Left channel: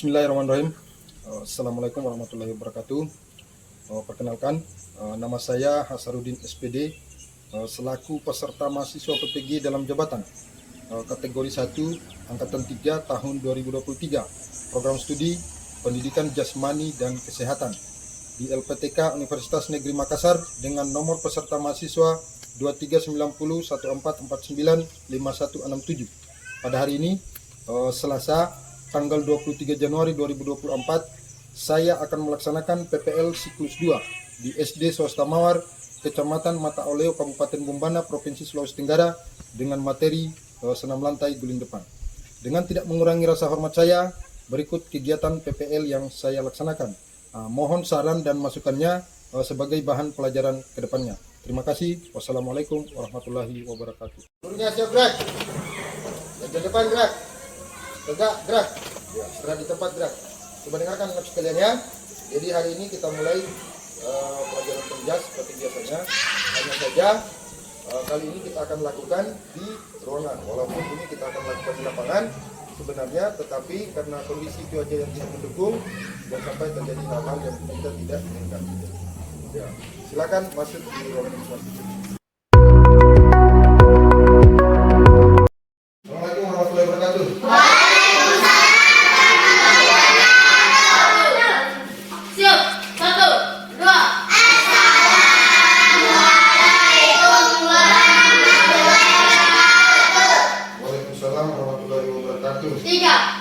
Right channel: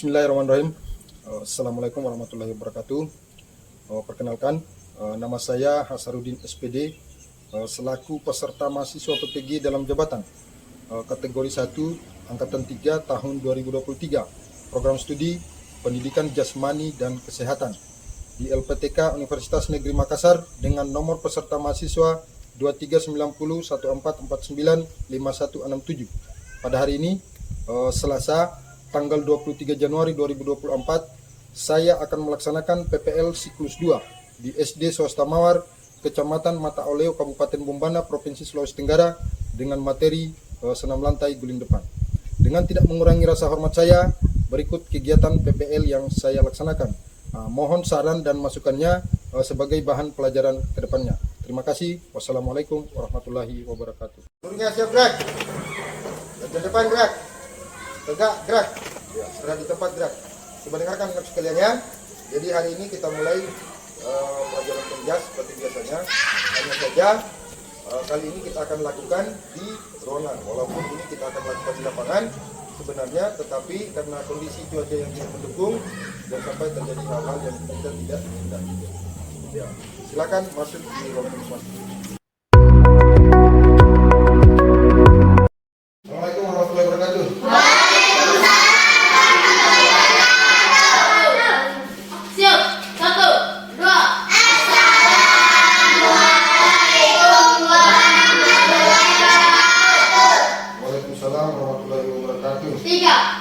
Bismillahirrahmanirrahim. Assalamualaikum warahmatullahi wabarakatuh. Perkenalkan, nama saya Hasaruddin SPD, selaku peserta mahasiswa PPG dalam jabatan kategori 1 Angkatan 3 tahun 2023, program studi Pendidikan Jasmani dan Kesehatan di LPTK Universitas Negeri Makassar dengan nomor peserta mahasiswa 239014495167. Pada hari ini, Selasa, tanggal 23 Januari 2024, saya akan melaksanakan PPL siklus 2 di SD Swasta Mawar, Kecamatan Mata Oleo, Kabupaten Bombana, Provinsi Sulawesi Tenggara, dengan materi senam lantai guling depan. Dengan tidak mengurangi rasa hormat saya, berikut kegiatan PPL yang saya laksanakan. Mohon saran dan masukannya sebagai bahan pelajaran ke depannya. Terima kasih. Wassalamualaikum warahmatullahi wabarakatuh. Siap, gerak. Ke depan gerak. Tegak, gerak. Ya, sudah di tempat gerak. Coba dengarkan sekalian ya. Jadi hari ini kita mulai belajar kerja seperti biasanya. Hanya saja kali ini kita akan lakukan di ruangan. Walaupun ini kita akan lakukan di lapangan sebenarnya, tetapi karena kondisi cuaca yang tidak mendukung dan sampai terjadi hal yang kita tidak inginkan. Ya, silakan masuk di ruangan masing-masing. Assalamualaikum warahmatullahi wabarakatuh.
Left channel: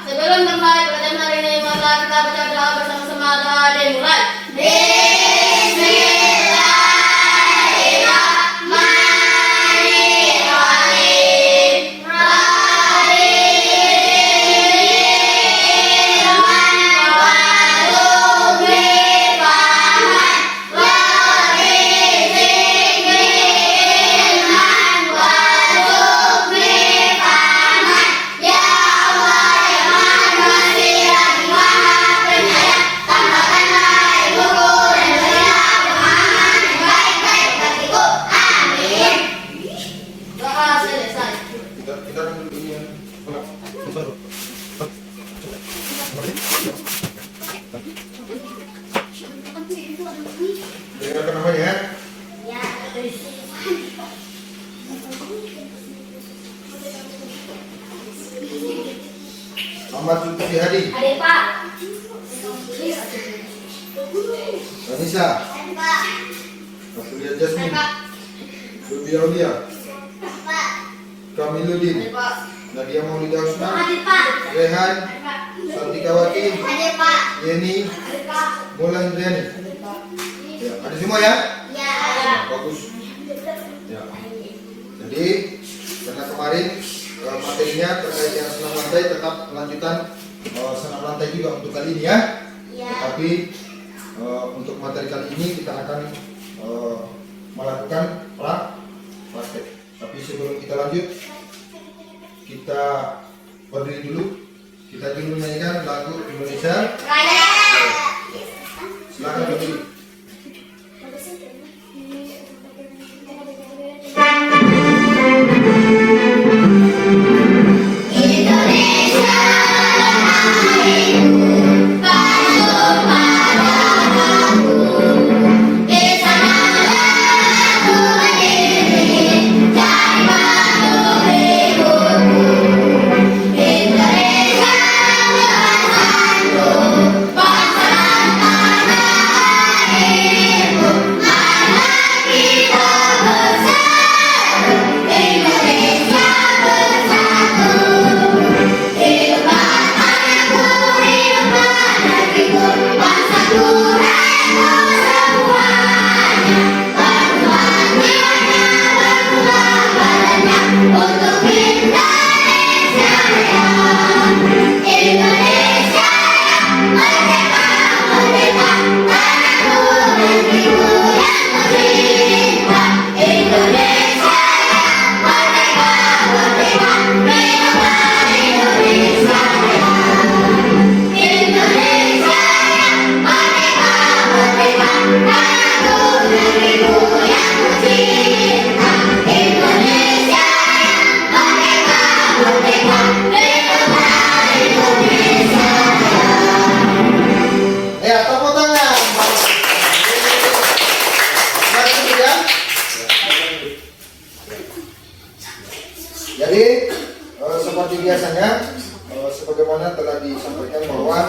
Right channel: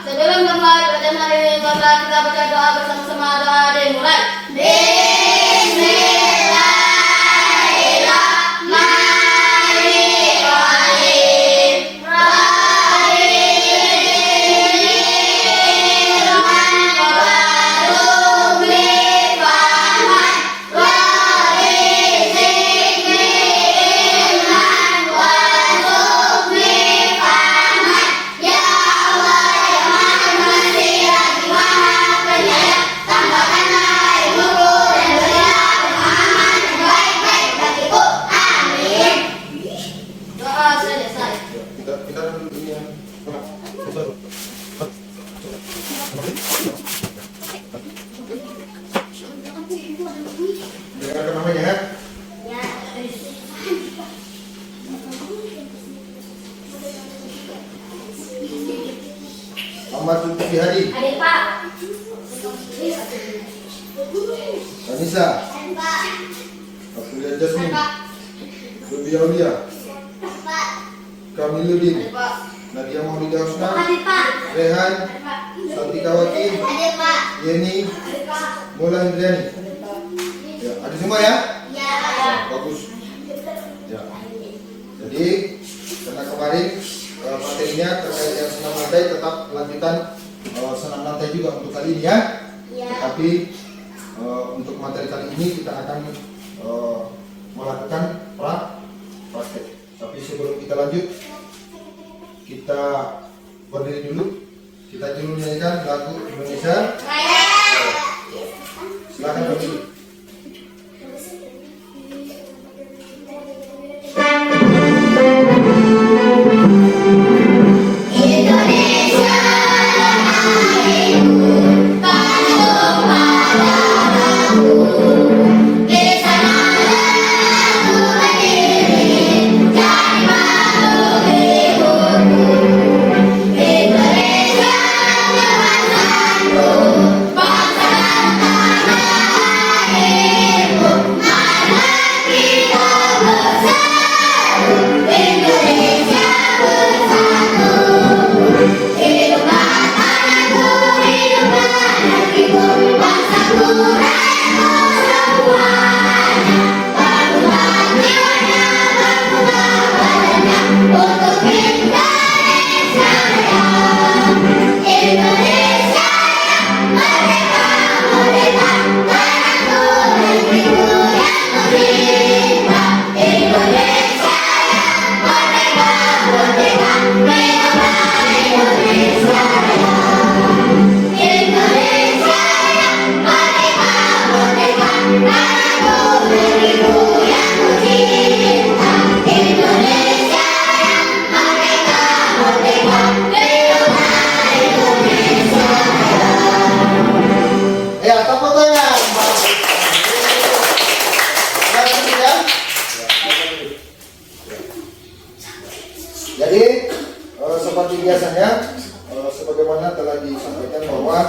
Sebelum bermulai pada hari ini, mari kita baca doa bersama-sama. Doa dimulai. Dengarkan namanya ya. Muhammad Zulkifli Hadi. Hari Pak. Anissa. Afulia Jasmine. Rubi Aulia. Kamiludin. Nadia Maulida Husna. Rehan. Santikawati. Yeni. Bola Indriani. Ya, ada semua ya? Ya. Bagus. Ya. Jadi karena kemarin materinya terkait dengan senam lantai, tetap lanjutan senam lantai juga untuk kali ini ya. Ya. Tapi untuk materi kali ini kita akan melakukan praktek. Tapi sebelum kita lanjut, kita berdiri dulu. Kita dulu nyanyikan lagu Indonesia. Silakan berdiri. biasanya sebagaimana telah disampaikan bahwa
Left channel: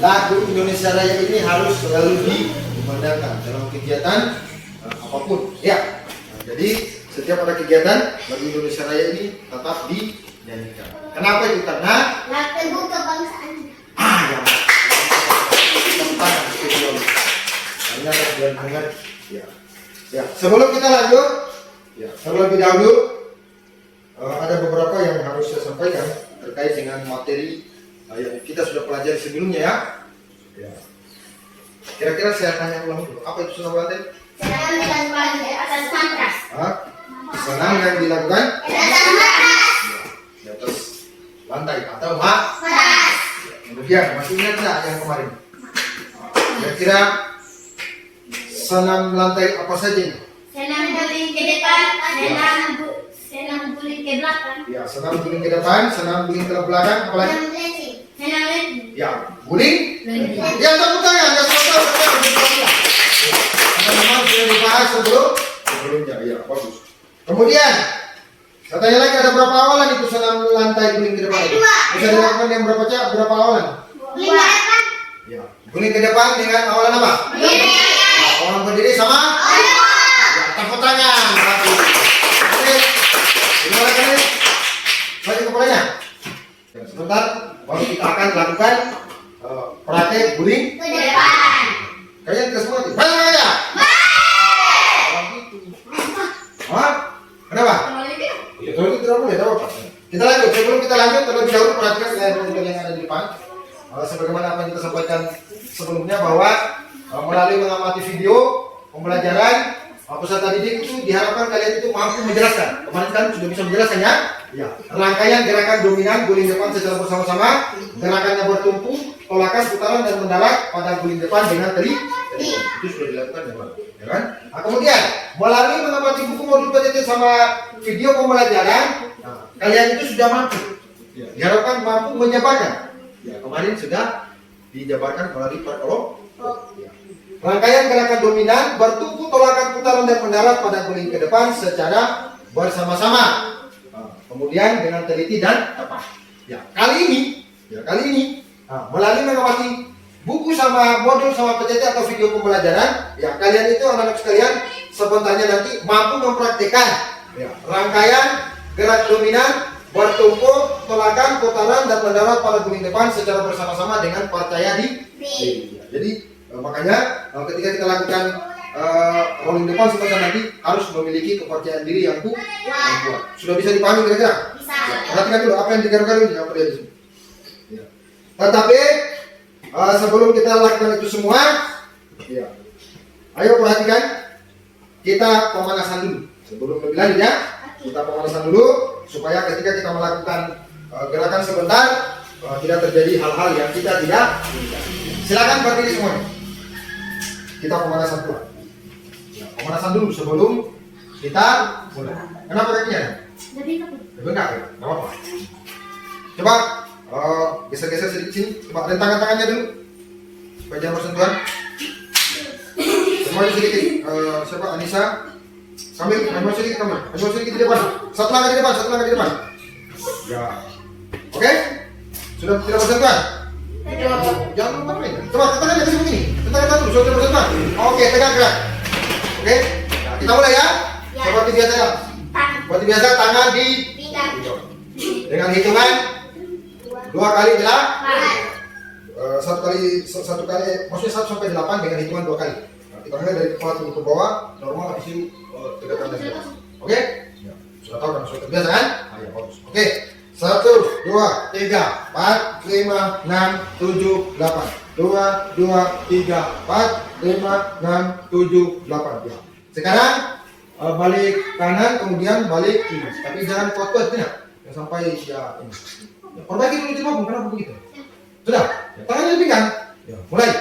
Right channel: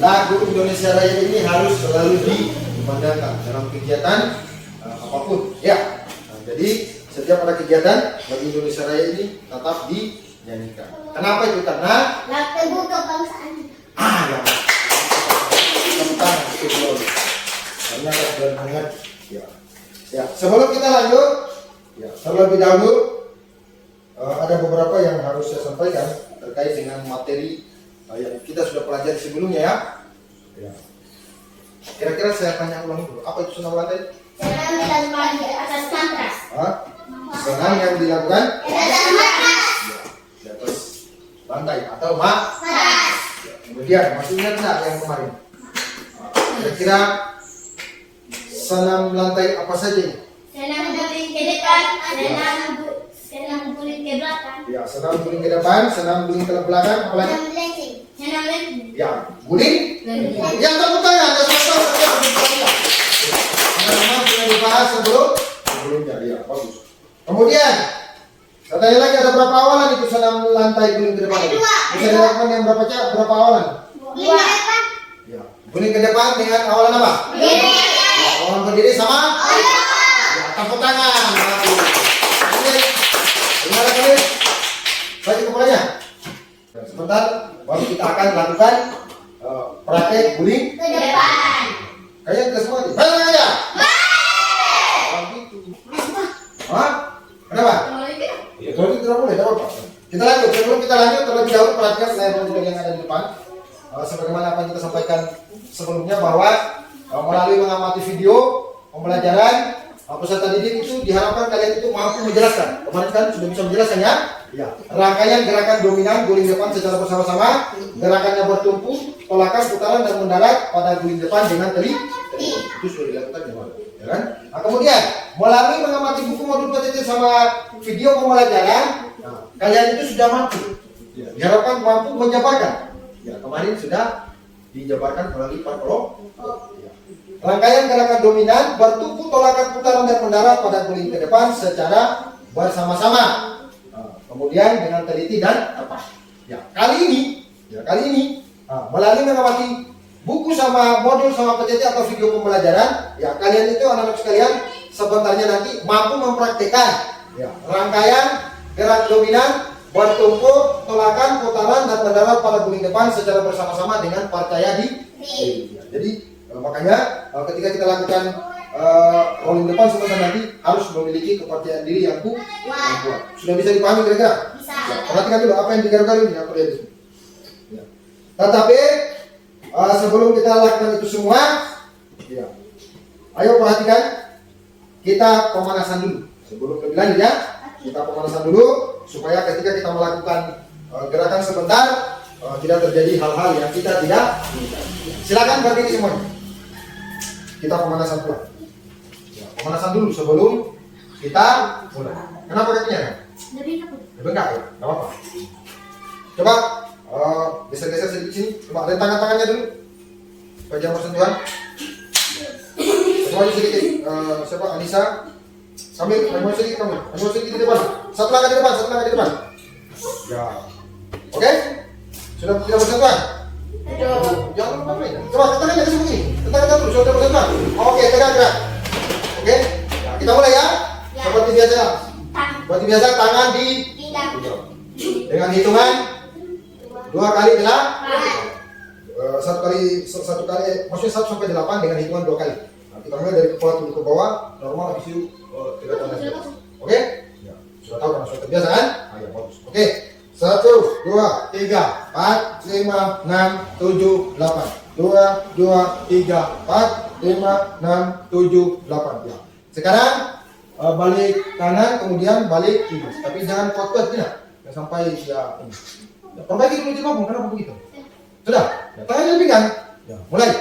lagu Indonesia Raya ini harus selalu dikumandangkan dalam kegiatan apapun. Ya, nah, jadi setiap ada kegiatan lagu Indonesia Raya ini tetap dinyanyikan. Kenapa itu? Karena Lagu kebangsaan. Ya, sebelum kita lanjut, terlebih dahulu ada beberapa yang harus saya sampaikan terkait dengan materi yang kita sudah pelajari sebelumnya ya. Kira-kira saya tanya ulang dulu, apa itu senam lantai? Senam dilakukan di atas matras. Senam yang dilakukan Di atas matras. di atas lantai atau matras. Kemudian masih ingat nggak yang kemarin? Kira-kira senam lantai apa saja ini? Senam guling ke depan, senam guling ke belakang. Ya, senam guling ke depan, senam guling ke belakang, apa lagi? Senam landing. Senam landing. Ya, guling. Ya, tepuk tangan. Ya, teman-teman sudah dibahas sebelumnya. Ya, bagus. Kemudian, saya tanya lagi, ada berapa awalan itu senam lantai guling ke depan? Bisa dilakukan yang berapa awalan? 5. Ya, guling ke depan dengan awalan apa? Ya, awalan berdiri sama? Ya, tepuk tangan. Oke, sekarang ini balik kepalanya. Dan sebentar, baru kita akan lakukan praktek guling Ke depan. kayak ke semua. Mana ya? Kenapa? Ya, kalau itu tidak boleh, tidak apa. Kita lanjut. Sebelum kita lanjut, terlebih dahulu perhatikan saya dan yang ada di depan. Sebagaimana apa yang kita sampaikan sebelumnya bahwa melalui mengamati video pembelajaran peserta didik itu diharapkan kalian itu mampu menjelaskan. Kemarin kan sudah bisa menjelaskan ya? Ya. Rangkaian gerakan dominan guling depan secara bersama-sama, gerakannya bertumpu, tolakan, putaran dan mendarat pada guling depan dengan teli. Itu sudah dilakukan ya kan? Nah, kemudian melalui mengamati buku modul PTT sama video pembelajaran, kalian itu sudah mampu. Ya. Diharapkan mampu menjabarkan. Ya, kemarin sudah dijabarkan melalui parpolog. Ya. Rangkaian gerakan dominan bertumpu, tolakan, putaran dan mendarat pada guling ke depan secara bersama-sama. Kemudian dengan teliti dan tepat. Ya, kali ini melalui mengamati buku sama modul sama PTT atau video pembelajaran, ya kalian itu anak-anak sekalian sebenarnya nanti mampu mempraktekkan rangkaian gerak dominan bertumpu, tolakan, putaran dan mendarat pada guling depan secara bersama-sama dengan percaya diri. Ya, jadi makanya ketika kita lakukan guling depan sebenarnya nanti harus memiliki kepercayaan diri yang kuat. Sudah bisa dipahami kira-kira? Bisa. Perhatikan dulu apa yang digaruk-garuk yang terjadi di sini. Ya. Tetapi sebelum kita lakukan itu semua, ya, ayo perhatikan kita pemanasan dulu. Sebelum lebih lanjut ya, kita pemanasan dulu supaya ketika kita melakukan gerakan sebentar tidak terjadi hal-hal yang kita tidak inginkan. Silakan berdiri semuanya. Kita pemanasan dulu. Ya, pemanasan dulu sebelum kita mulai. Kenapa kakinya? Bengkak ya? Gak apa-apa. Coba geser-geser sedikit sini. Coba lihat tangan-tangannya dulu. Supaya jangan bersentuhan. Semuanya sedikit. Siapa? Anissa. Sambil maju sedikit, maju sedikit di depan. Satu langkah di depan. Ya. Oke? Sudah tidak bersentuhan? Jangan lupa main. Coba tangannya di sini. Tangannya dulu sampai bersentuhan. Oke, tegak gerak. Oke? Nah, kita mulai ya. Seperti biasa tangan di dengan hitungan 2 kali adalah satu kali maksudnya 1 sampai 8 dengan hitungan 2 kali. Nah, kita mulai dari kepala turun ke bawah normal habis itu tegakkan lagi. Oke? Ya, sudah tahu kan sudah terbiasa kan? Ayo bagus. Oke. 1 2 3 4 5 6 7 8 2 2 3 4 5 6 7 8. Ya. Sekarang balik kanan kemudian balik kiri. Tapi jangan kotor tidak. Yang sampai ya ini. Ya, perbaiki dulu coba Bu, kenapa begitu? Sudah? Ya, tangannya lebih kan? Ya, mulai.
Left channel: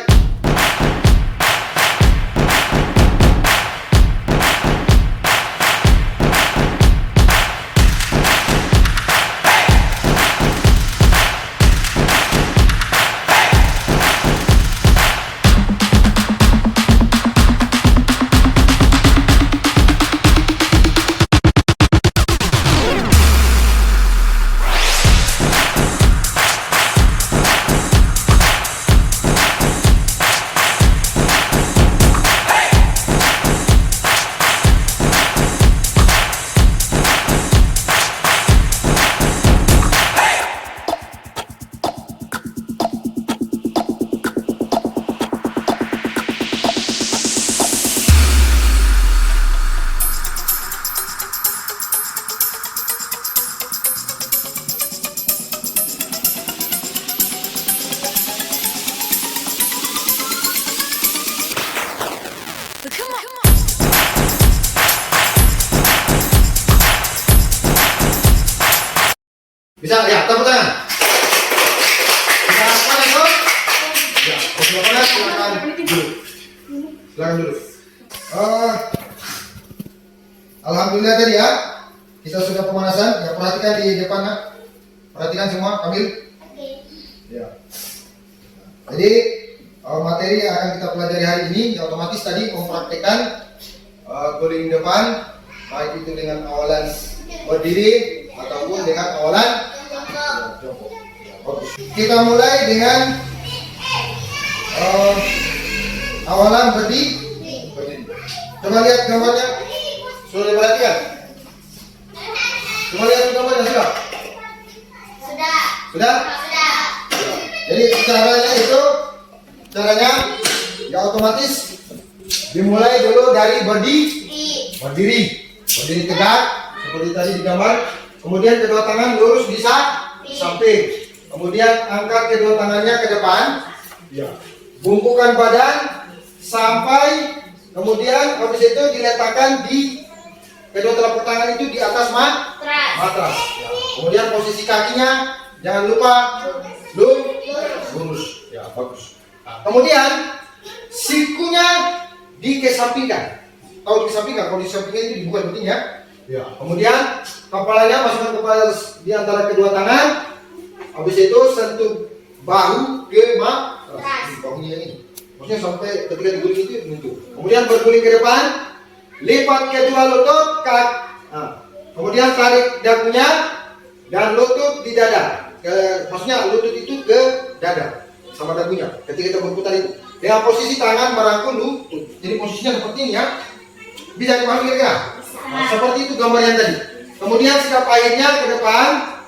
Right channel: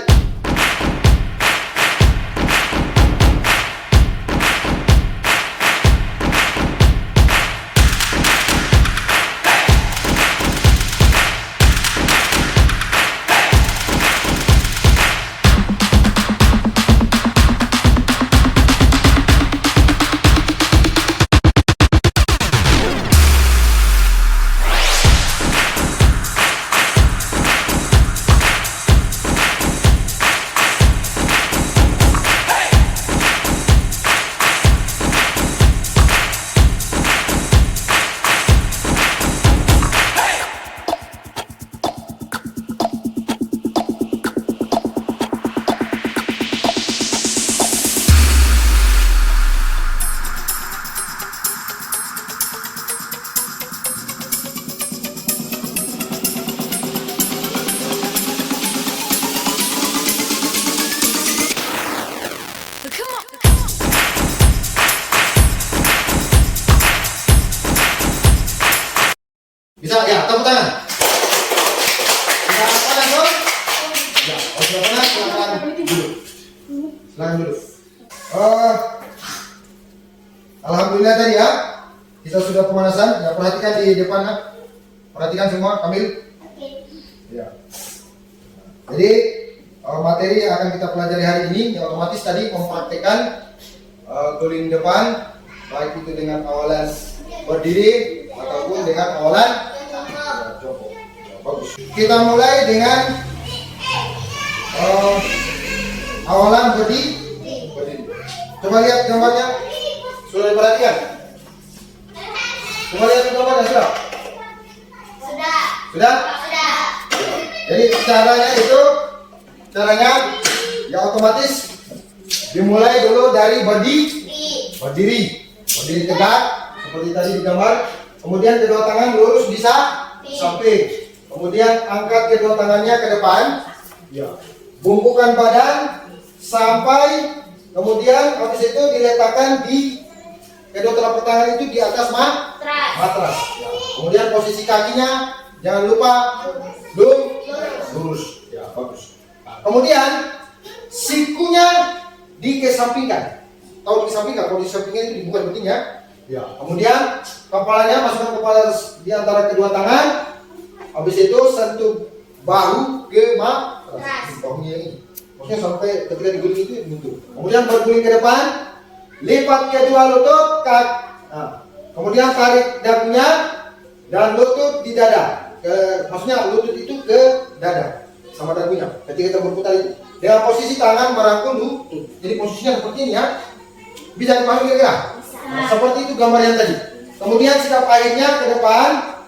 Bisa ya, tepuk tangan. Bisa panas dong? Ya, kalau panas silakan duduk. Silakan duduk. Alhamdulillah tadi ya, kita sudah pemanasan. Ya, perhatikan di depan ya. Perhatikan semua, Kamil. Ya. Jadi materi yang akan kita pelajari hari ini, yang otomatis tadi mempraktekkan guling depan, baik itu dengan awalan berdiri ataupun dengan awalan jongkok. Kita mulai dengan awalan berdiri. Coba lihat gambarnya. Sudah diperhatikan? Coba lihat gambarnya sudah. Sudah? Jadi caranya yang otomatis dimulai dulu dari berdiri tegak seperti tadi di gambar. Kemudian kedua tangan lurus bisa samping. Kemudian angkat kedua tangannya ke depan. Bungkukan badan sampai kemudian habis itu diletakkan di kedua telapak tangan itu di atas matras. Kemudian posisi kakinya jangan lupa lurus. Ya, bagus. Kemudian sikunya dikesampingkan. Kalau disampingkan itu dibuka pentingnya. Ya. Kemudian kepalanya masukkan kepala di antara kedua tangan. Habis itu sentuh bahu ke matras. Bahunya ini. Maksudnya sampai ketika diguling itu menyentuh. Kemudian berguling ke depan, lipat kedua lutut, kemudian tarik dagunya dan lutut di dada. Maksudnya lutut itu ke dada sama dagunya ketika kita berputar itu dengan posisi tangan merangkul lutut. Jadi posisinya seperti ini ya, bisa dipahami ya. Seperti itu gambarnya tadi. Kemudian sikap airnya ke depan,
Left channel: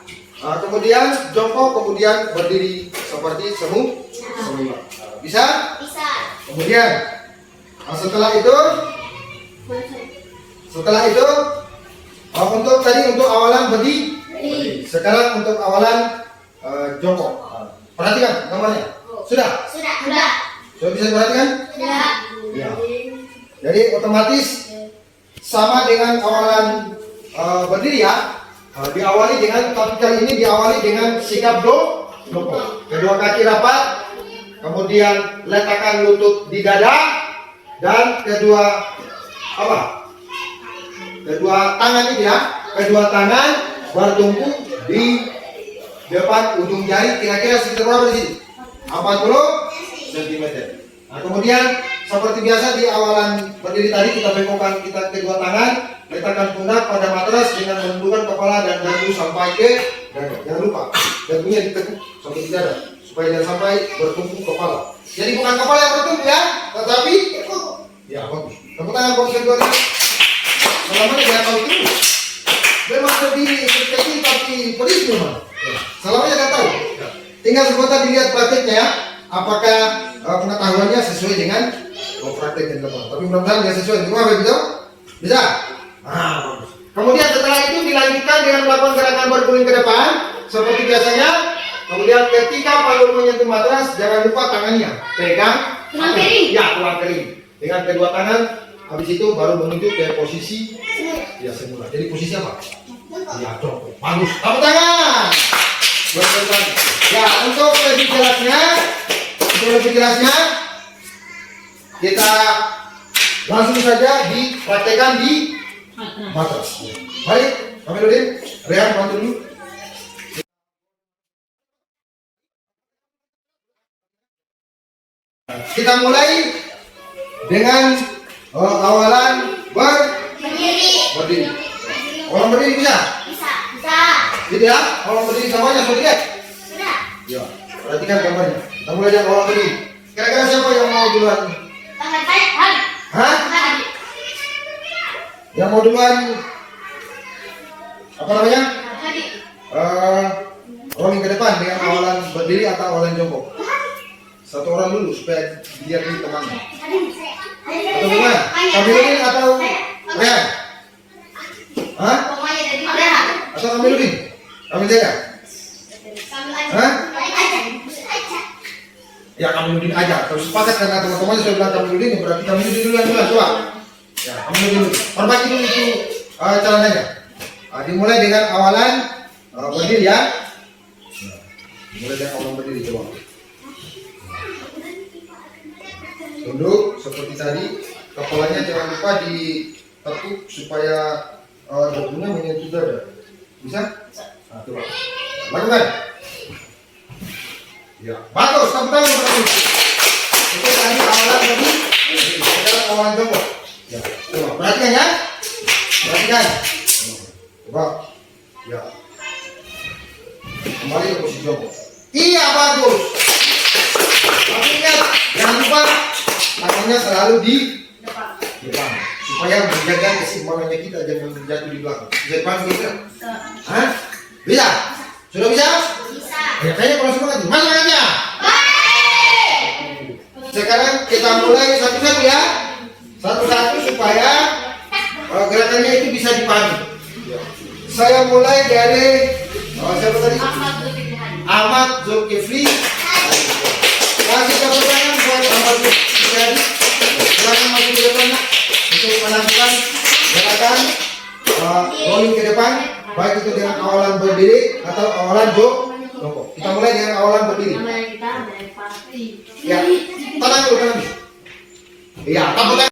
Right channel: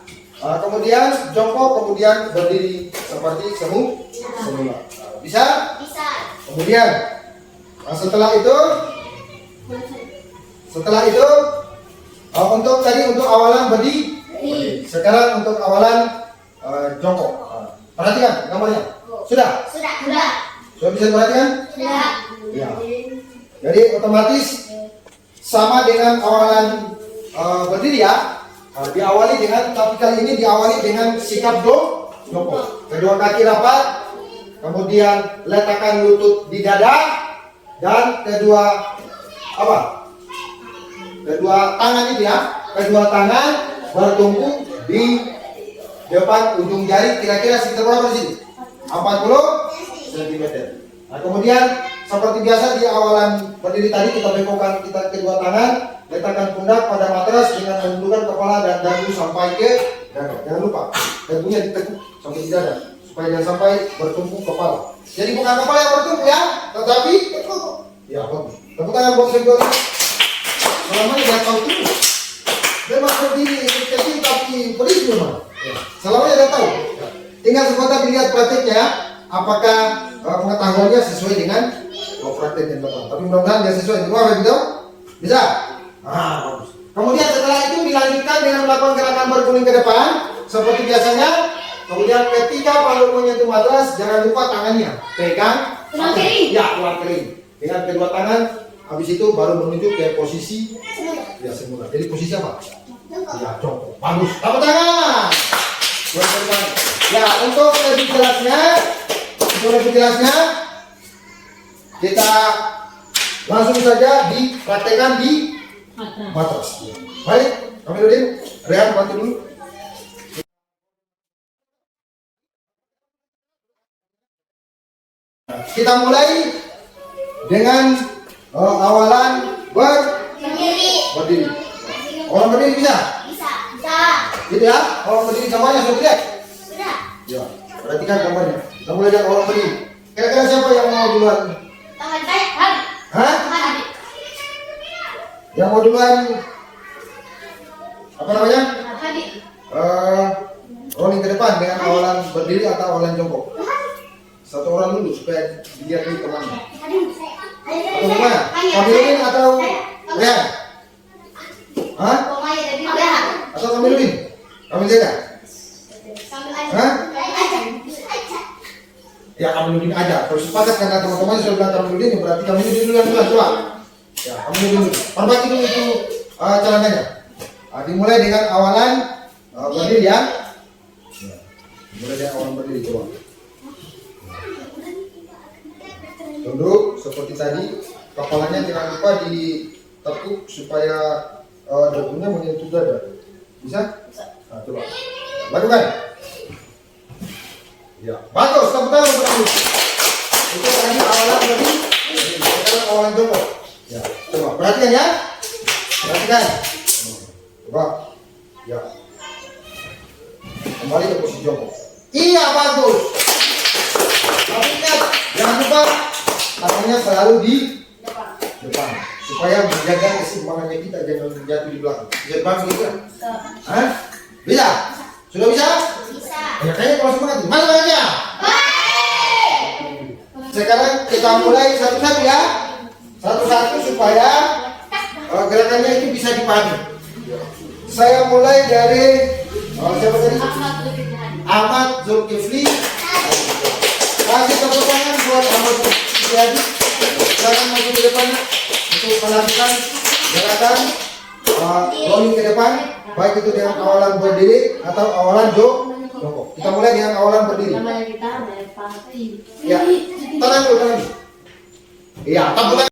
kemudian jongkok, kemudian berdiri seperti semua. Bisa? Kemudian setelah itu untuk awalan berdiri. Sekarang untuk awalan jongkok. Perhatikan gambarnya. Sudah bisa diperhatikan? Ya. Jadi otomatis sama dengan awalan berdiri ya. Diawali dengan, tapi kali ini diawali dengan sikap jongkok. Kedua kaki rapat, kemudian letakkan lutut di dada, dan kedua tangan ini ya, kedua tangan bertumpu di depan ujung jari, kira-kira sekitar berapa di sini? 40 cm. Nah, kemudian seperti biasa di awalan berdiri tadi kita bengkokkan kedua tangan, letakkan pundak pada matras dengan menundukkan kepala dan dagu sampai ke dada. Jangan lupa dagunya ditekuk sampai di dada supaya jangan sampai bertumpuk kepala. Jadi bukan kepala yang bertumpuk ya, tetapi ya bagus. Tepuk tangan buat kedua ini. Selama ini dia tahu terus. Memang berdiri kecil tapi pedis memang. Selama dia tahu. Tinggal sebentar dilihat prakteknya ya. Apakah pengetahuannya sesuai dengan praktek yang teman. Tapi mudah-mudahan dia sesuai. Gimana begitu? Bisa? Bagus. Kemudian setelah itu dilanjutkan dengan melakukan gerakan berguling ke depan seperti biasanya. Kemudian ketika baru menyentuh matras, jangan lupa tangannya pegang tulang kering. Dengan kedua tangan, habis itu baru menuju ke posisi ya semula. Jadi posisi apa? Ya, jongkok. Bagus. Tepuk tangan. Ya, untuk lebih jelasnya, kita langsung saja dipraktekkan di matras. Baik, kami dulu. Rehan, bantu dulu. Kita mulai dengan awalan berdiri. Awalan berdiri bisa? Gitu ya? Awalan berdiri semuanya sudah lihat? Ya, perhatikan gambarnya. Kita mulai dengan awalan berdiri. Kira-kira siapa yang mau duluan? Hah? Yang mau duluan? Apa namanya? Rolling ke depan dengan awalan berdiri atau awalan jongkok. Satu orang dulu supaya biar di temannya. Atau gimana? Kami ini atau Rehan? Hah? Atau kami dulu? Kami jaga? Hah? Ya kami dulu aja. Kalau sepakat karena teman-teman sudah bilang kami dulu, berarti kami dulu dulu coba. Ya kami dulu. Perbaiki dulu itu celananya. Dimulai dengan awalan berdiri ya. Mulai dari awalan berdiri coba. Tunduk seperti tadi. Kepalanya jangan lupa ditekuk supaya debunya menyentuh dada. Bisa? Nah, coba. Lakukan. Ya, bagus. Tepuk tangan untuk itu. Itu tadi awalan tadi. Sekarang awalan jongkok. Ya, coba perhatikan ya. Perhatikan. Coba. Ya. Kembali ke posisi jongkok. Iya, bagus. Tapi ingat, jangan lupa tangannya selalu di depan supaya menjaga keseimbangannya kita, jangan jatuh di belakang. Depan gitu. Hah? Bisa? Sudah bisa? Bisa. Ya, kayaknya kalau semangat. Mana tangannya? Sekarang kita mulai satu-satu ya. Satu-satu supaya gerakannya itu bisa dipahami. Saya mulai dari siapa tadi? Ahmad Zulkifli. Kasih tepuk tangan buat Ahmad Zulkifli. Jangan maju di depannya untuk melakukan gerakan rolling ke depan, baik itu dengan awalan berdiri atau awalan jongkok. Kita mulai dengan awalan berdiri. Ya, tangan dulu, tangan. Iya, tepuk tangan.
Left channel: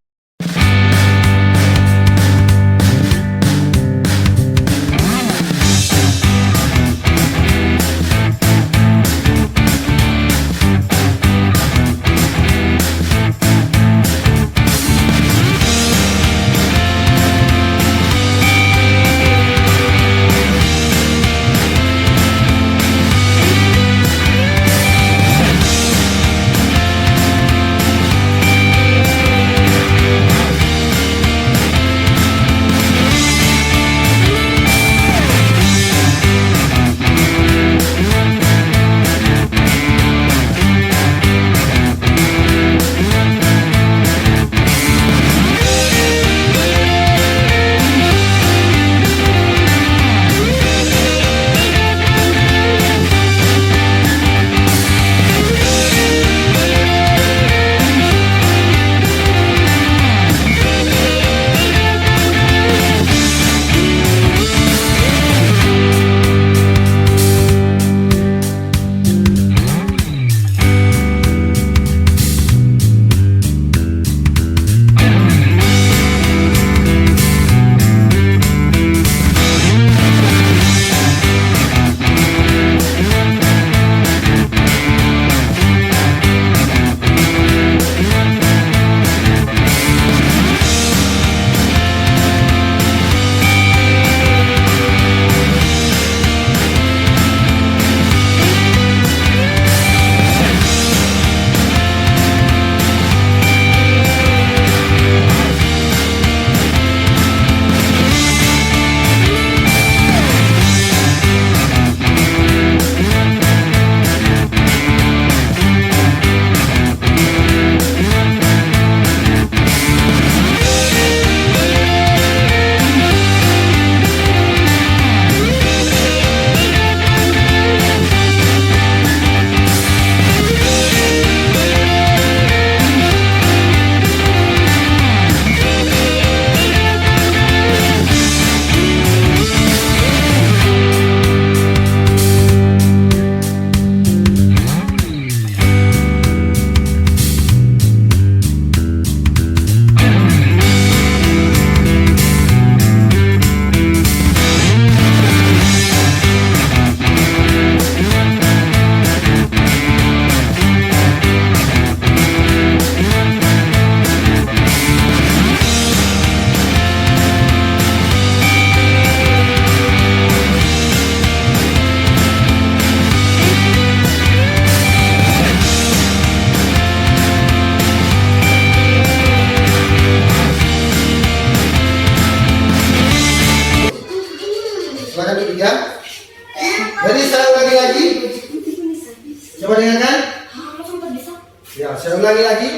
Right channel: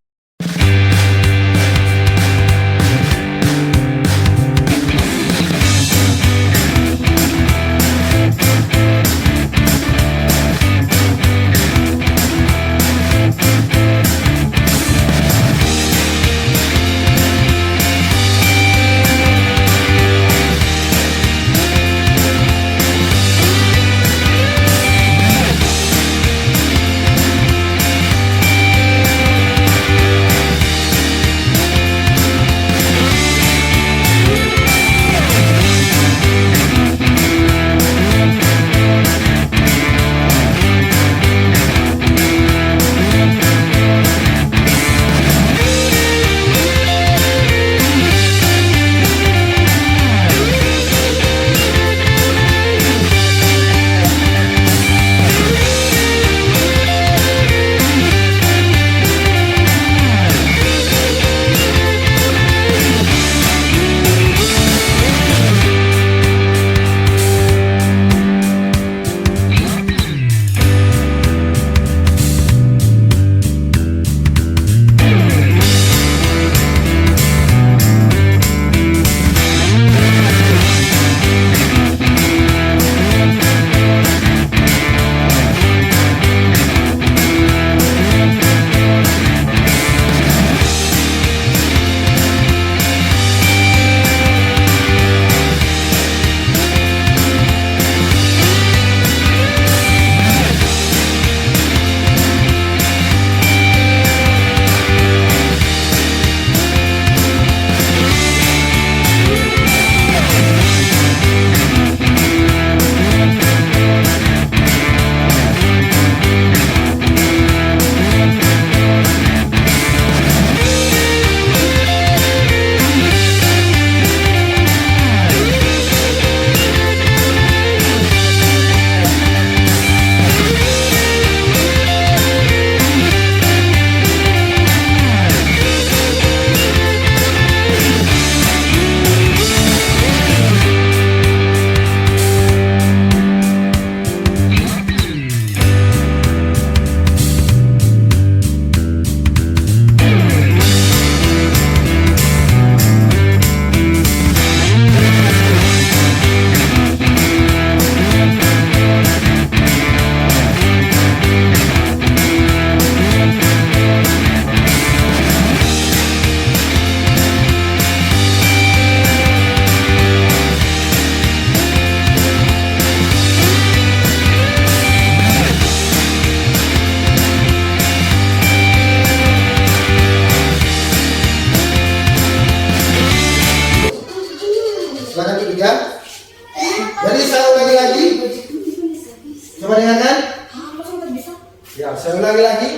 Ya, saya ulangi lagi.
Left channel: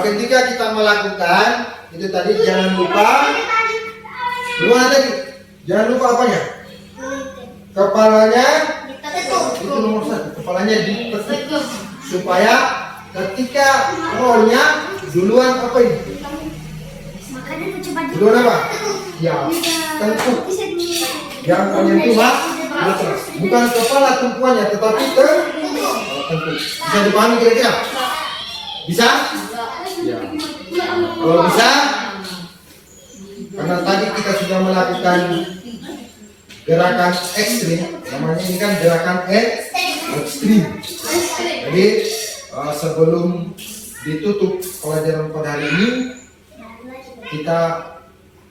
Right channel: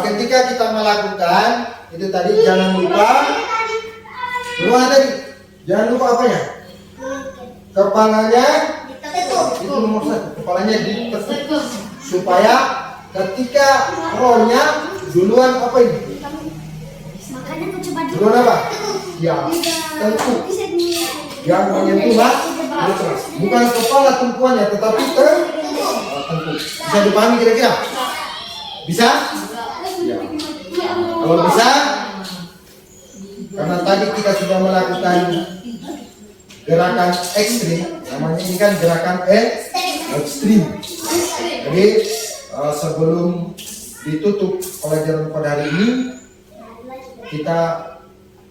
Ketika kita melakukan itu tadi jangan lupa tadi. Jangan lupa apanya? Kepalanya itu nomor satu. Kepalanya ditekuk supaya ketika rollnya duluan apa ini? Duluan apa? Ya, tentu. Yang menyentuh Bukan kepala tumpuannya, tetapi tertentu. Bisa dipahami kira-kira? Bisa? Ya. Kalau bisa, karena tadi kita sudah melakukan gerakan ekstrim, namanya ini kan gerakan ekstrim. Jadi sebelum ditutup pelajaran pada hari ini, kita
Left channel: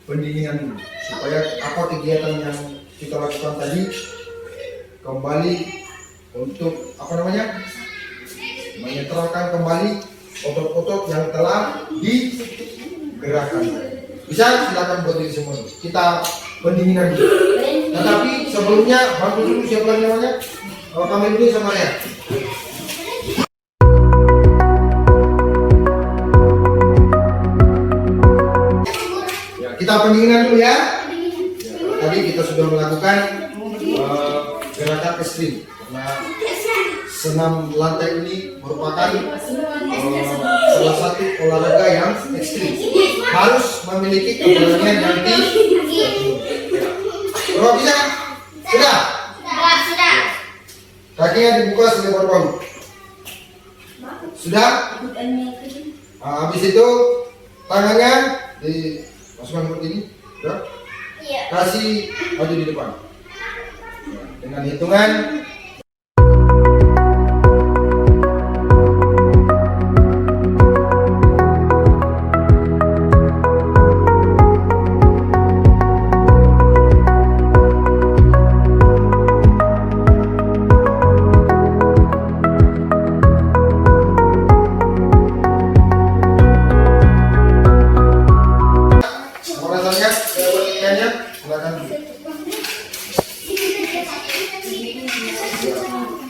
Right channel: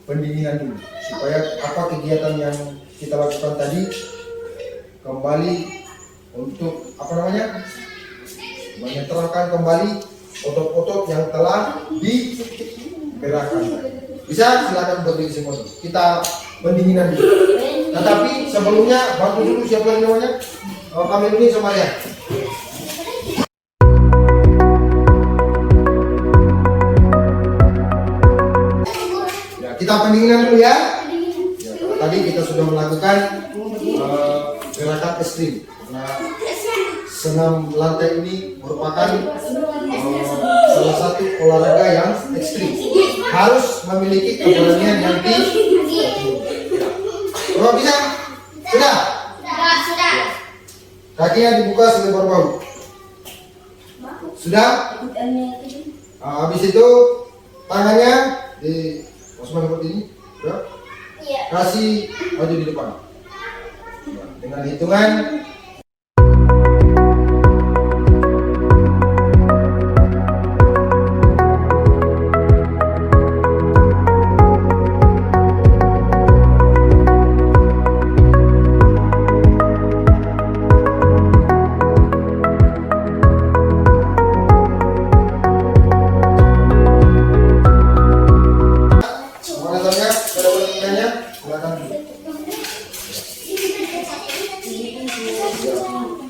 pendinginan dulu supaya apa kegiatan yang kita lakukan tadi kembali untuk apa namanya, menyetralkan kembali otot-otot yang telah digerakkan. Bisa silakan berdiri semua. Kita pendinginan dulu. Tetapi sebelumnya bantu dulu siapa lagi namanya? Kami dulu sama ya. Ya, kita pendinginan dulu ya. Tadi kita sudah melakukan gerakan ekstrim. Nah, senam lantai ini merupakan salah satu olahraga yang ekstrim. Harus memiliki keberanian yang tinggi. Kalau bisa, sudah. Sudah. Kakinya dibuka selebar bahu. Sudah. Nah, habis itu tangannya dimasukkan seperti ini. Sudah. Kasih maju di depan. Dengan hitungan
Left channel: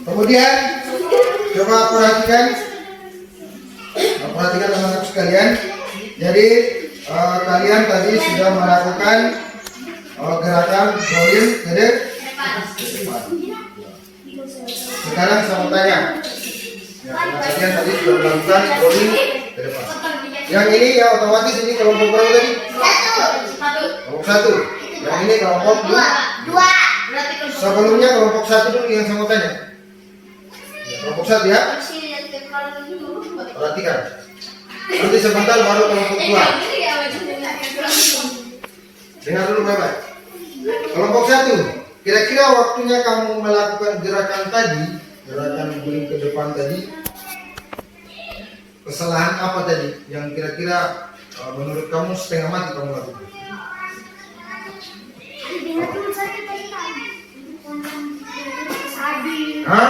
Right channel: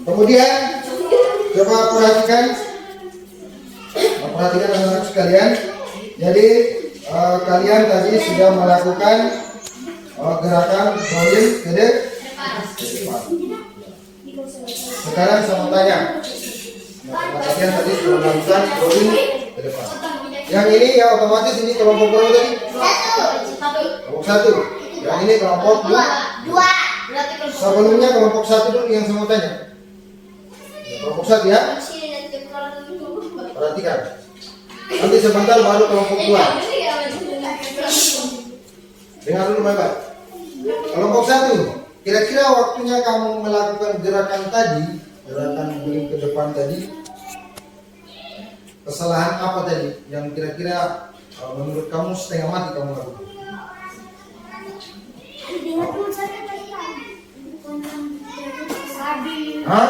kemudian coba perhatikan anak-anak sekalian. Jadi kalian tadi sudah melakukan gerakan rolling ke depan. Sekarang saya mau tanya, kalian tadi sudah melakukan rolling ke depan. Yang ini ya otomatis ini kelompok berapa tadi? Kelompok 1. Yang ini kelompok 2. Sebelumnya kelompok 1 dulu yang saya mau tanya. Kelompok 1 ya. Perhatikan. Nanti sebentar baru kelompok 2. Dengar dulu baik-baik. Kelompok 1. Kira-kira waktunya kamu melakukan gerakan tadi, gerakan guling ke depan tadi, kesalahan apa tadi yang kira-kira menurut kamu setengah mati kamu lakukan? Hah?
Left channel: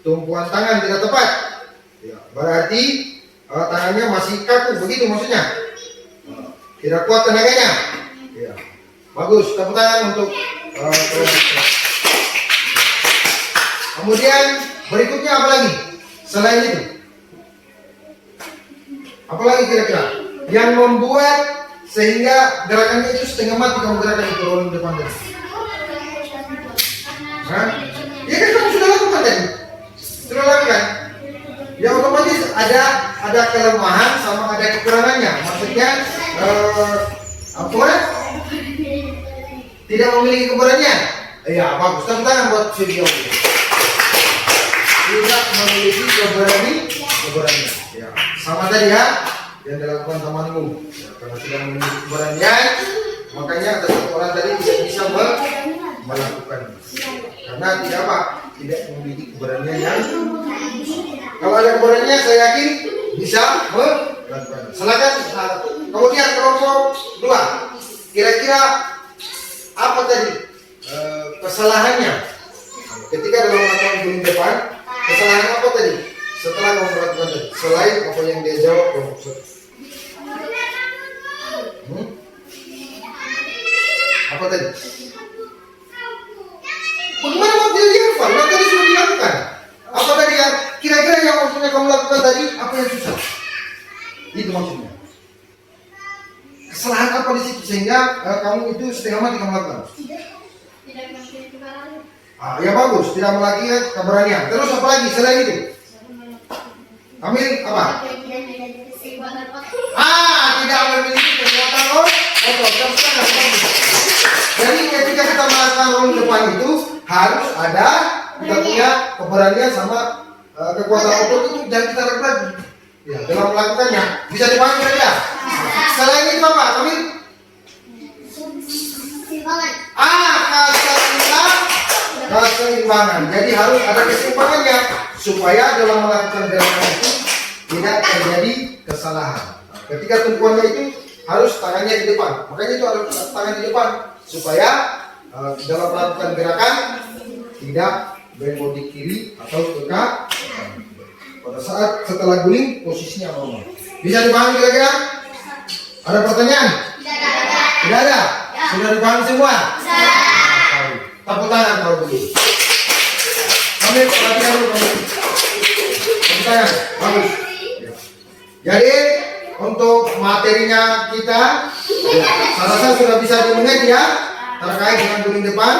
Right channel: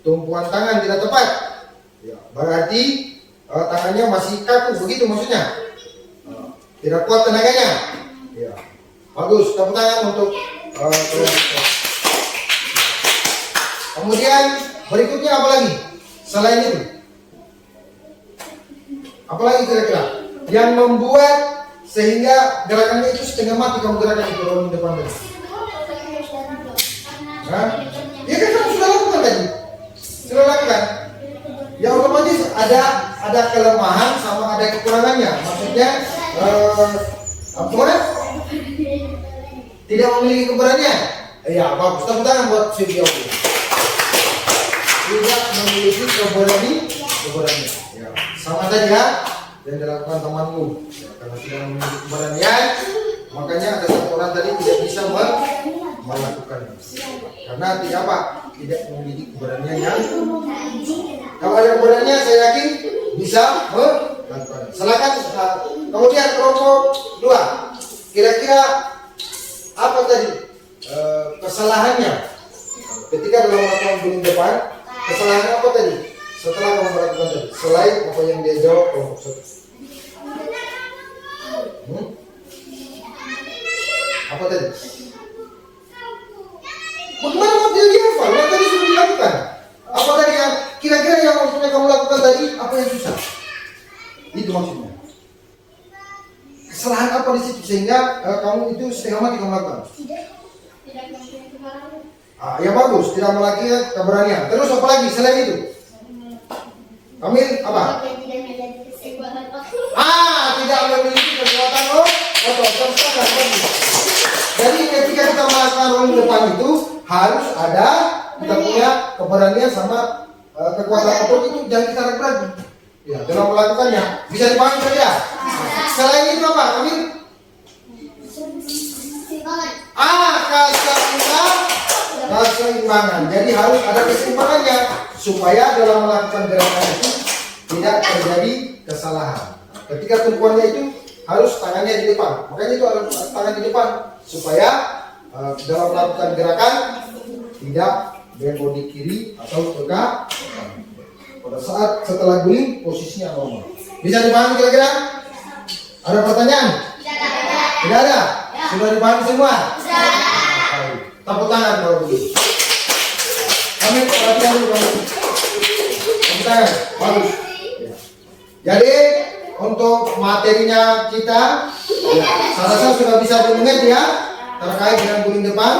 Tumpuan tangan tidak tepat. Ya, berarti tangannya masih kaku, begitu maksudnya. Tidak kuat tenaganya. Ya. Bagus, tepuk tangan untuk kemudian berikutnya apa lagi? Selain itu, apa lagi kira-kira yang membuat sehingga gerakannya itu setengah mati kamu gerakan itu rolling depan tadi? Hah? Ya kan kamu sudah lakukan tadi. Sudah lakukan. Ya otomatis ada kelemahan sama ada kekurangannya. Maksudnya apa? Tidak memiliki keberanian. Ya bagus. Tepuk tangan buat video ini. Tidak memiliki keberanian. Ya sama tadi ya yang dilakukan temanmu. Ya, karena tidak memiliki keberanian, makanya ada satu orang tadi tidak bisa melakukan. Karena tidak apa? Tidak memiliki keberanian yang. Kalau ada keberanian, saya yakin bisa melakukan. Silakan. Kemudian kelompok 2. Kira-kira apa tadi kesalahannya ketika dalam melakukan guling depan? Kesalahan apa tadi setelah kamu melakukan tadi? Selain apa yang dia jawab kelompok 1. Apa tadi? Bagaimana mau tidak dilakukan? Tadi sudah dilakukan. Apa tadi yang kira-kira yang maksudnya kamu lakukan tadi? Apa yang susah? Itu maksudnya. Kesalahan apa di situ sehingga kamu itu setengah mati kamu lakukan? Ya bagus, tidak lagi keberanian. Terus apa lagi selain itu? Amin apa? Tidak memiliki kekuatan otot. Jadi ketika kita melakukan rolling depan itu harus ada kita punya keberanian sama kekuatan otot itu, jangan kita ragu-ragu. Ya, dalam melakukannya bisa dipahami kan ya? Selain itu apa? Amin. Keseimbangan. Jadi harus ada keseimbangannya supaya dalam melakukan gerakan itu tidak terjadi kesalahan. Nah, ketika tumpuannya itu harus tangannya di depan. Makanya itu ada tangan di depan supaya dalam melakukan gerakan tidak belok di kiri atau ke kanan. Pada saat setelah guling posisinya normal. Bisa dipahami kira-kira? Ada pertanyaan? Tidak ada. Sudah dipahami semua? Tepuk tangan kalau begitu. Amin. Bagus. Ya. Jadi untuk materinya kita, saya rasa sudah bisa dimengerti ya terkait dengan guling depan.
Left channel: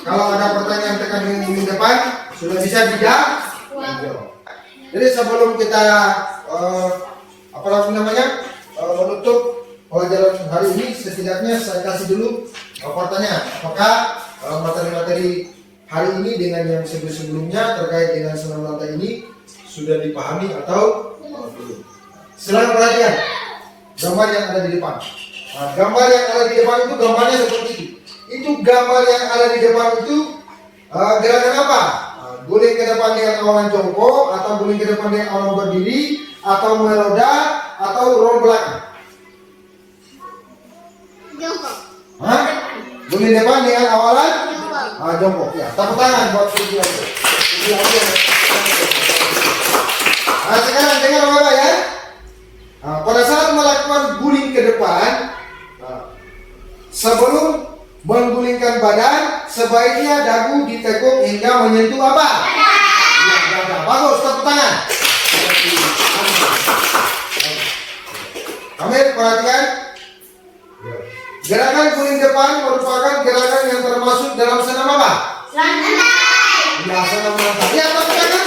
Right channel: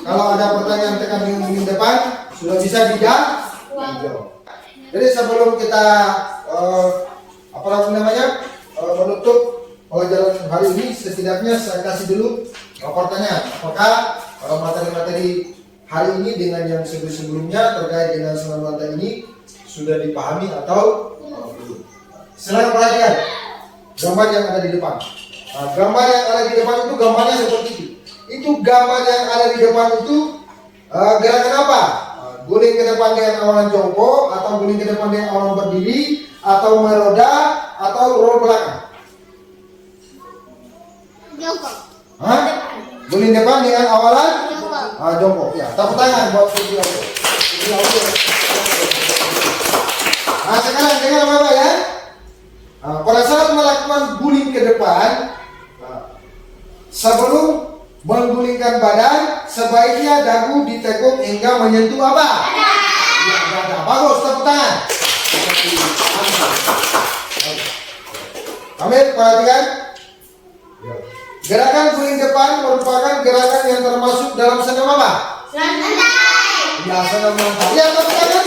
Kalau ada pertanyaan terkait dengan guling depan, sudah bisa dijawab. Jadi sebelum kita menutup pelajaran hari ini, setidaknya saya kasih dulu pertanyaan. Apakah materi-materi hari ini dengan yang sebelumnya terkait dengan senam lantai ini sudah dipahami atau belum? Silakan perhatikan gambar yang ada di depan. Nah, gambar yang ada di depan itu gambarnya seperti itu. Itu gambar yang ada di depan itu gerakan apa? Guling ke depan dengan awalan jongkok, atau guling ke depan dengan awalan berdiri, atau meroda, atau roll belakang. Jongkok. Hah? Guling depan dengan awalan jongkok. Ya, tepuk tangan buat tujuan itu. Nah, sekarang dengar apa ya? Pada saat melakukan guling ke depan, sebelum menggulingkan badan, sebaiknya dagu ditekuk hingga menyentuh apa? Dada. Bagus, tepuk tangan. Amin, perhatikan. Gerakan guling depan merupakan gerakan yang termasuk dalam senam apa? Lantai. Ya, senam lantai. Ya, tepuk tangan.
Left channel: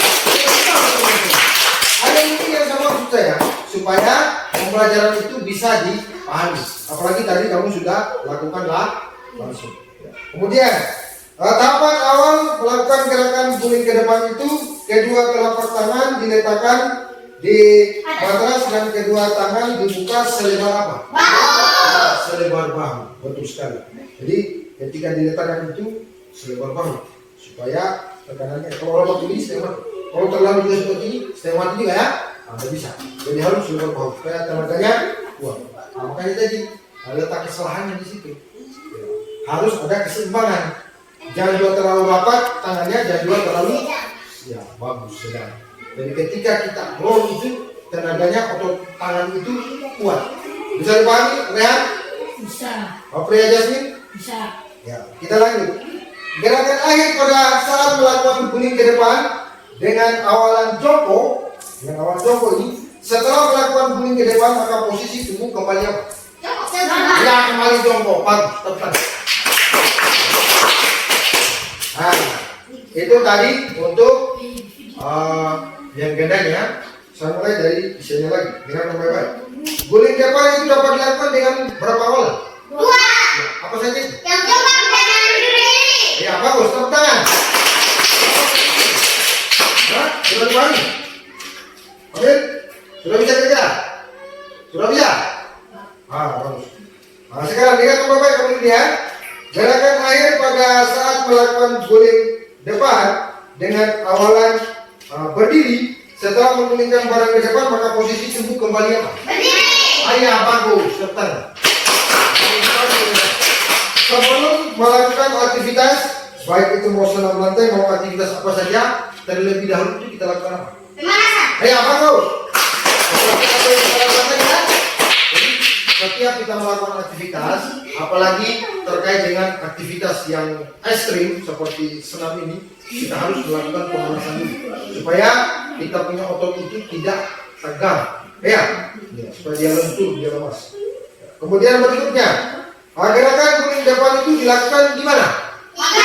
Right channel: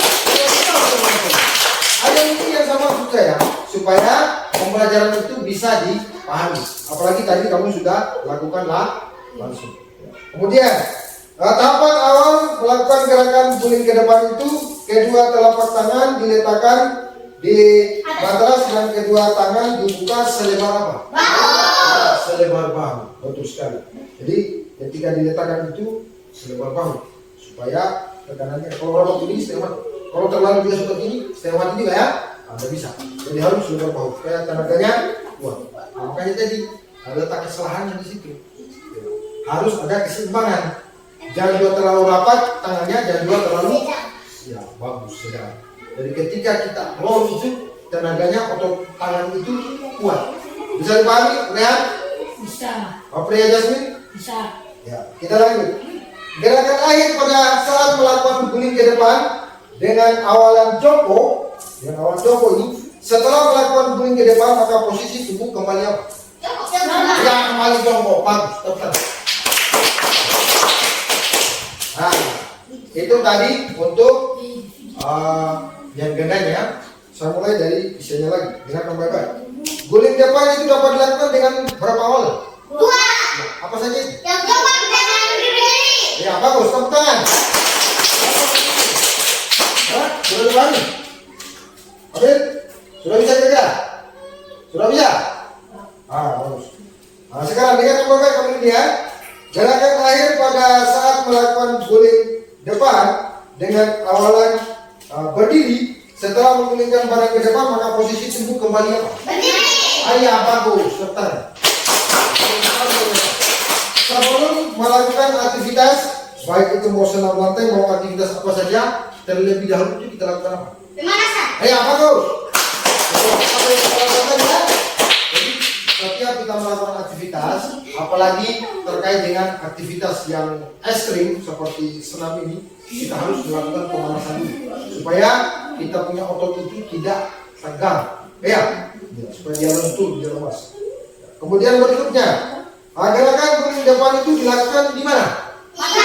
Ada ini yang sama saya supaya pembelajaran itu bisa dipahami. Apalagi tadi kamu sudah lakukan langsung. Kemudian tahapan awal melakukan gerakan guling ke depan itu, kedua telapak tangan diletakkan di matras dan kedua tangan dibuka selebar apa? Selebar bahu. Betul sekali. Jadi ketika diletakkan itu selebar bahu supaya tekanannya kalau begini setengah, kalau terlalu juga seperti ini setengah mati juga ya, nggak bisa. Jadi harus selebar bahu supaya tekanannya kuat. Makanya tadi letak kesalahannya di situ. Harus ada keseimbangan. Jangan juga terlalu rapat tangannya, jangan juga terlalu ya bagus sedang. Jadi ketika kita lolos itu tenaganya otot tangan itu kuat. Bisa dipahami? Lihat? Bisa. Apa ya Jasmine? Bisa. Ya, kita lanjut. Gerakan lahir pada saat melakukan guling ke depan dengan awalan jongkok. Dengan awalan jongkok ini, setelah melakukan guling ke depan maka posisi tubuh kembali apa? Ya, kembali jongkok. Bagus, tepat. Nah, itu tadi untuk yang gendang ya. Saya mulai dari isinya lagi. Gerakan baik-baik. Guling depan itu dapat dilakukan dengan berapa hal? 2. Apa saja? Yang depan dengan berdiri. Ya, bagus. Tepuk tangan. Hah? Sudah dipahami? Amin? Sudah bisa kerja? Sudah bisa? Bagus. Nah, sekarang lihat teman-teman kemudian gerakan akhir pada saat melakukan guling depan dengan awalan berdiri. Setelah menggulingkan badan ke depan maka posisi tubuh kembali apa? Berdiri. Ayah, bagus. Sebentar. Sebelum melakukan aktivitas baik itu mau senam lantai mau aktivitas apa saja, terlebih dahulu itu kita lakukan apa? Pemanasan. Bagus. Jadi setiap kita melakukan aktivitas, apalagi terkait dengan aktivitas yang ekstrim seperti senam ini, kita harus melakukan pemanasan dulu supaya kita punya otot itu tidak tegang, ya, supaya dia lentur, dia lemas. Kemudian berikutnya, gerakan guling depan itu dilakukan di mana? Sudah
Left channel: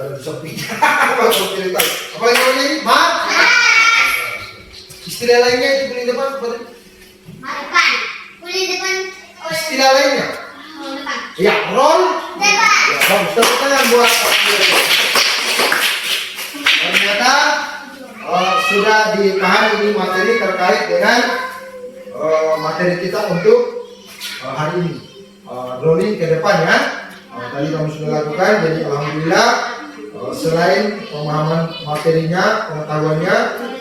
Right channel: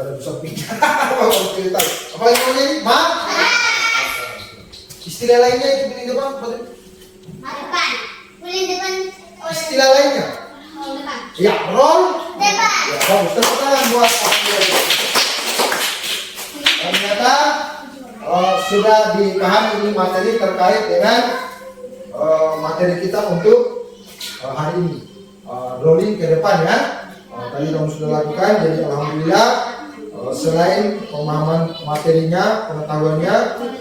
ada di samping. Apa namanya ini? Istilah lainnya itu guling depan, Depan. Guling depan. istilah lainnya. Depan. Ya, roll. Depan. Bagus, buat ternyata sudah dipahami ini materi terkait dengan materi kita untuk hari ini. Rolling ke depan ya. Tadi kamu sudah lakukan, jadi alhamdulillah selain pemahaman materinya, pengetahuannya,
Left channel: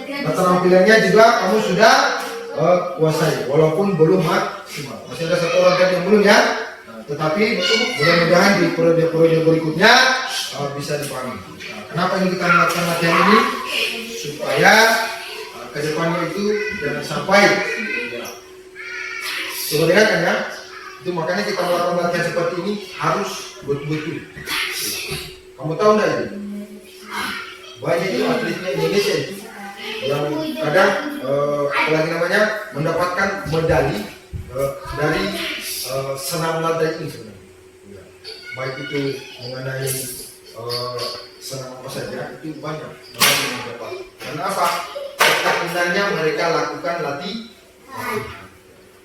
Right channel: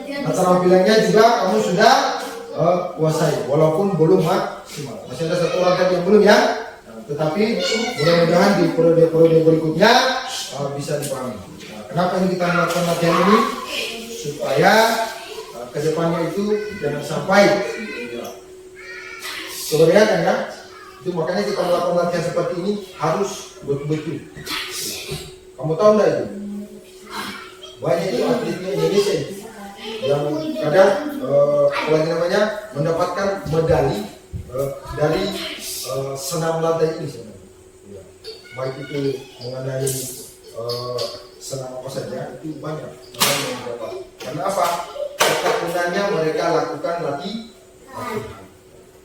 keterampilannya juga kamu sudah kuasai, walaupun belum maksimal. Masih ada satu rangkaian yang belum ya. Tetapi mudah-mudahan di periode berikutnya bisa dipahami. Kenapa ini kita melakukan latihan ini? Supaya kedepannya itu jangan sampai sebenarnya kan ya. Itu makanya kita melakukan latihan seperti ini harus betul-betul. Kamu tahu nggak itu? Banyak itu atlet Indonesia itu yang kadang apalagi namanya mendapatkan medali dari senam lantai ini sebenarnya. Baik itu mengenai senam apa saja itu banyak yang mendapat. Karena apa? Ketekunannya mereka lakukan latihan.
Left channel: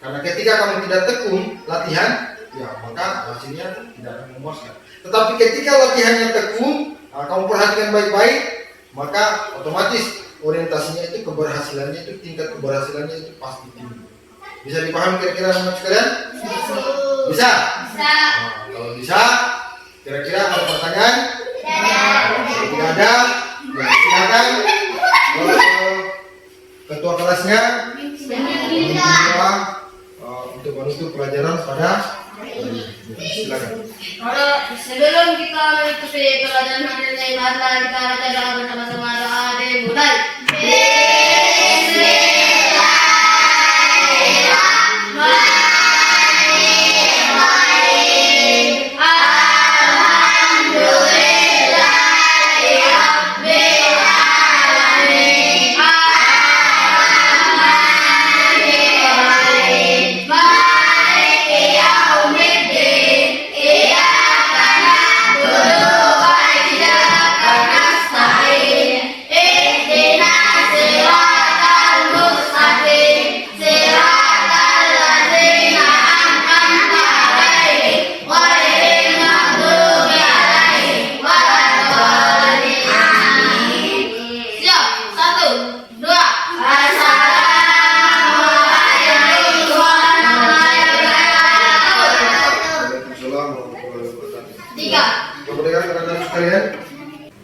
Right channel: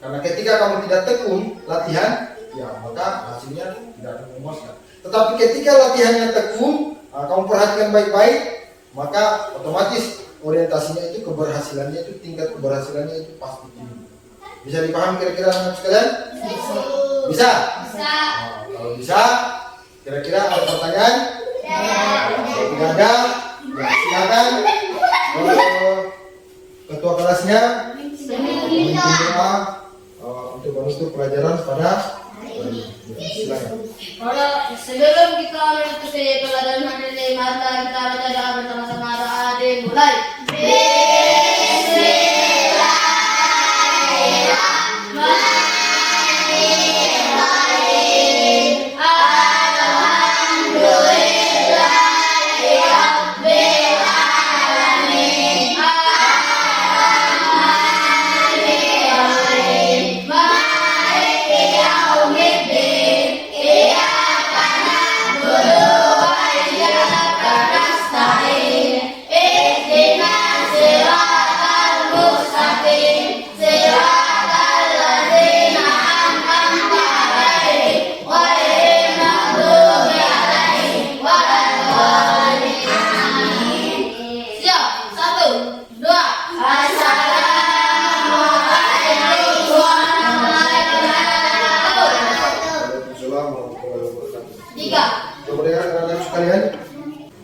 Karena ketika kamu tidak tekun latihan, ya maka hasilnya tidak memuaskan. Tetapi ketika latihannya tekun, kamu perhatikan baik-baik, maka otomatis orientasinya itu keberhasilannya itu tingkat keberhasilannya itu pasti tinggi. Bisa dipahami kira-kira anak sekalian? Bisa? Bisa. Kalau bisa, kira-kira ada pertanyaan? Kalau tidak ada, ya silakan. Ketua kelasnya untuk menutup pelajaran pada silakan. Sebelum kita menutupi pelajaran hari ini, mari kita baca doa bersama-sama. Doa dimulai.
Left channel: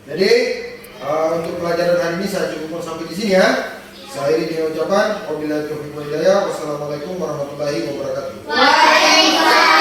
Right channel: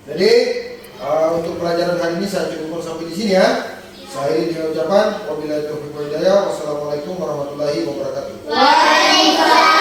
Jadi untuk pelajaran hari ini saya cukupkan sampai di sini ya. Saya dengan ucapan wabillahi taufiq wal hidayah. Wassalamualaikum warahmatullahi wabarakatuh. Waalaikumsalam.